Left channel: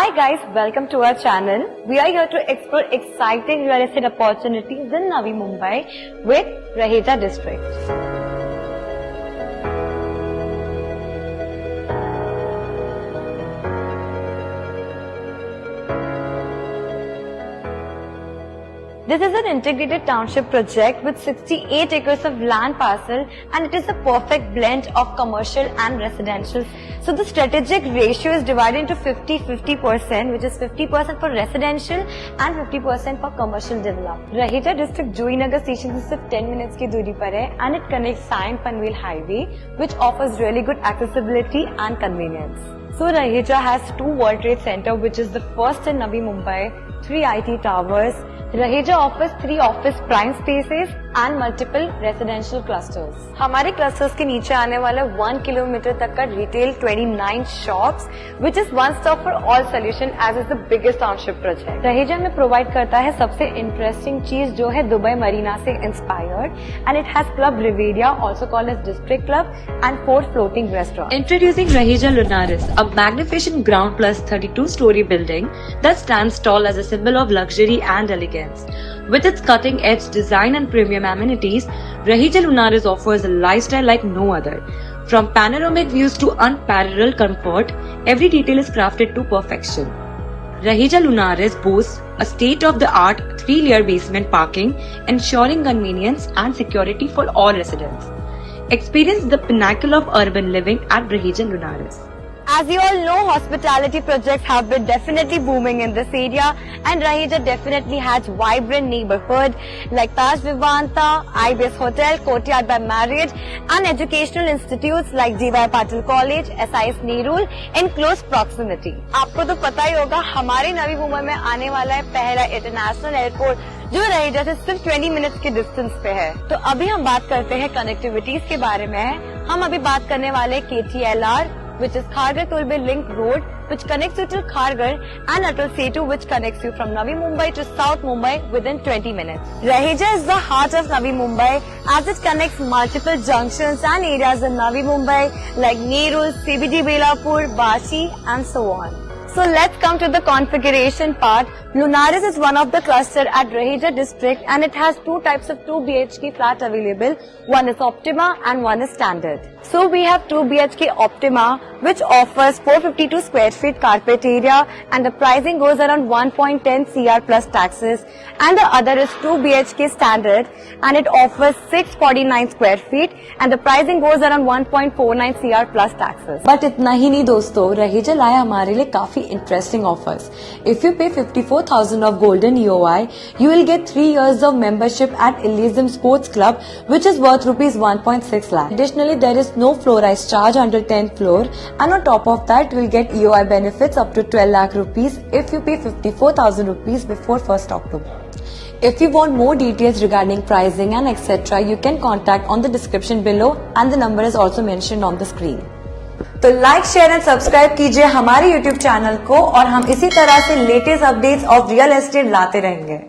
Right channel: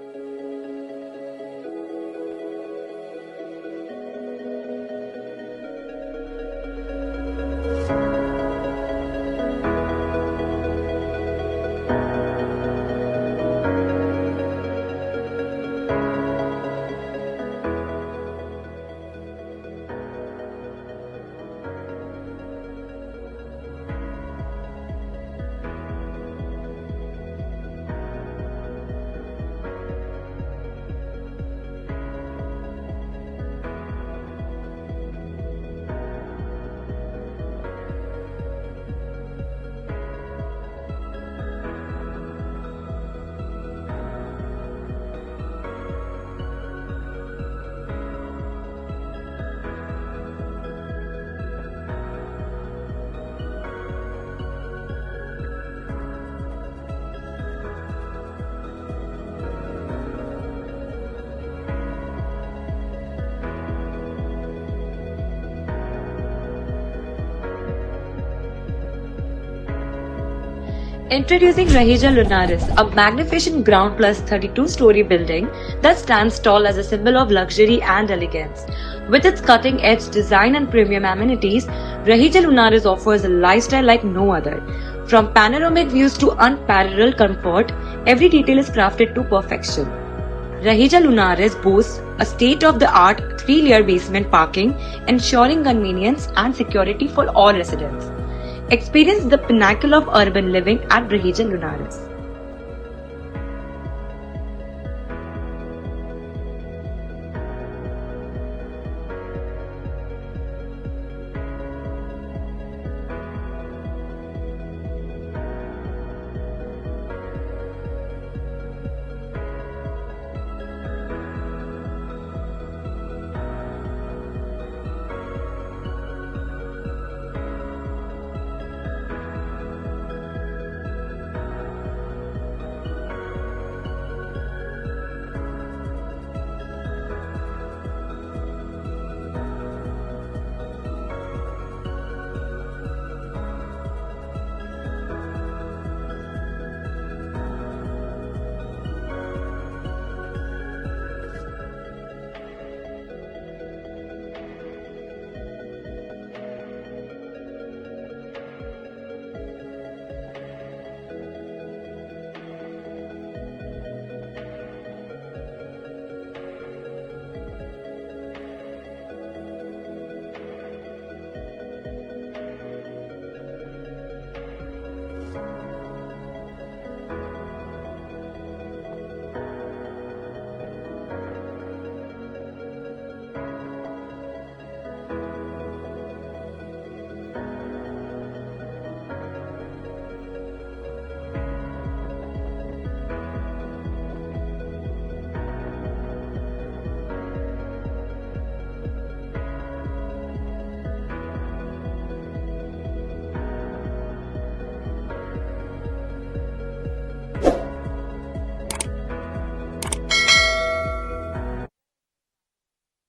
Hi guys, welcome to our channel. We are here to explore exciting real estate opportunities in Navi Mumbai with Raheja district. This is an integrated township project with 68 acres of land parcel, and it is a perfect blend of commercial and residential. So the strategic ratio is divided into 50-50%, which is 50% for residential and 50% for commercial development. Raheja district Juinagar station से सिर्फ 10 minutes की दूरी पर है, and it connects Sion Panvel highway, which offers really good accessibility and convenience. So Raheja has two World Trade Center, which is the first in Navi Mumbai, 3 IT towers. Raheja offers 3 office prime spaces and multiple residential clusters. हमारे clusters के नीचे आने वाला 1 kilometre तक का retail 29 shops, which is one stop for all solution as is the biggest township project. Raheja में provide करता है सबसे interesting चीज जो है दुबई मरीना से inspired, and it has Club Riviera, also called as District Club, and 4 floating restaurants. Introducing Raheja Lunaris, a magnificent ground plus 32-story building that stands tall as a symbol of luxury and elegance. With its cutting-edge design and premium amenities, Raheja Lunaris offers a lifestyle like no other. From panoramic views to unparalleled comfort, every detail is crafted to perfection. Raheja Lunaris boasts a state-of-the-art 3-layer basement parking, ensuring convenience and security for all residents. Experience the pinnacle of urban living at Raheja Lunaris. As you all know, hospitality projects have been definitely booming in this area, and Raheja definitely has vibrant neighborhood like Taj Vivanta, Ibis Hotel, Courtyard by Marriott, and educational institutes like D.Y. Patil College, SIS Nerul in close proximity. आपको तो पता ही होगा हमारे नवी मुंबई में आने वाला है पहला इंटरनेशनल एयरपोर्ट जो Raheja से सिर्फ 20 मिनट्स के डिस्टेंस पे है. तो अभी हम बात करते हैं कनेक्टिविटीज के बारे में. हम अभी बात करने वाले KTLR, which is Kharghar Tollway Link Road, which connects you to Kharghar, and Atal Setu, which connects you from Navi Mumbai to South Mumbai within 20 minutes. Raheja is the heart of Navi Mumbai as it connects multiple junctions and areas in Navi Mumbai like Nerul, CBD Belapur, Vashi, and so on. So let's come to the configuration part. Lunaris is one of the cluster at Raheja district, and it has 2 types of 2 BHK flat available. One is Optima and one is Standard. So we have 2 BHK Optima, which offers 452 square feet carpet area, and the pricing goes around 1.10 CR plus taxes. And the other is 2 BHK Standard, and it offers 649 square feet, and the pricing goes around 1.49 CR plus taxes. But इतना ही नहीं दोस्तों, Raheja लाया हमारे लिए काफी interesting offers. If you pay 54,000 of golden EOI, you will get 3 years of membership at Elysium Sports Club, which is worth rupees 1.6 lakh. Additionally, there is no floor rise charge under 10th floor, and on top of that, you will get EOI benefits up to 12 lakh rupees if you pay 54,000 rupees before 1st October. If you want more details regarding pricing and etc., you can contact on the description below, and the number is also mentioned on the screen. तो like share and subscribe कीजिए हमारे YouTube channel को, और हम इसी तरह से latest updates of real estate लाते रहेंगे.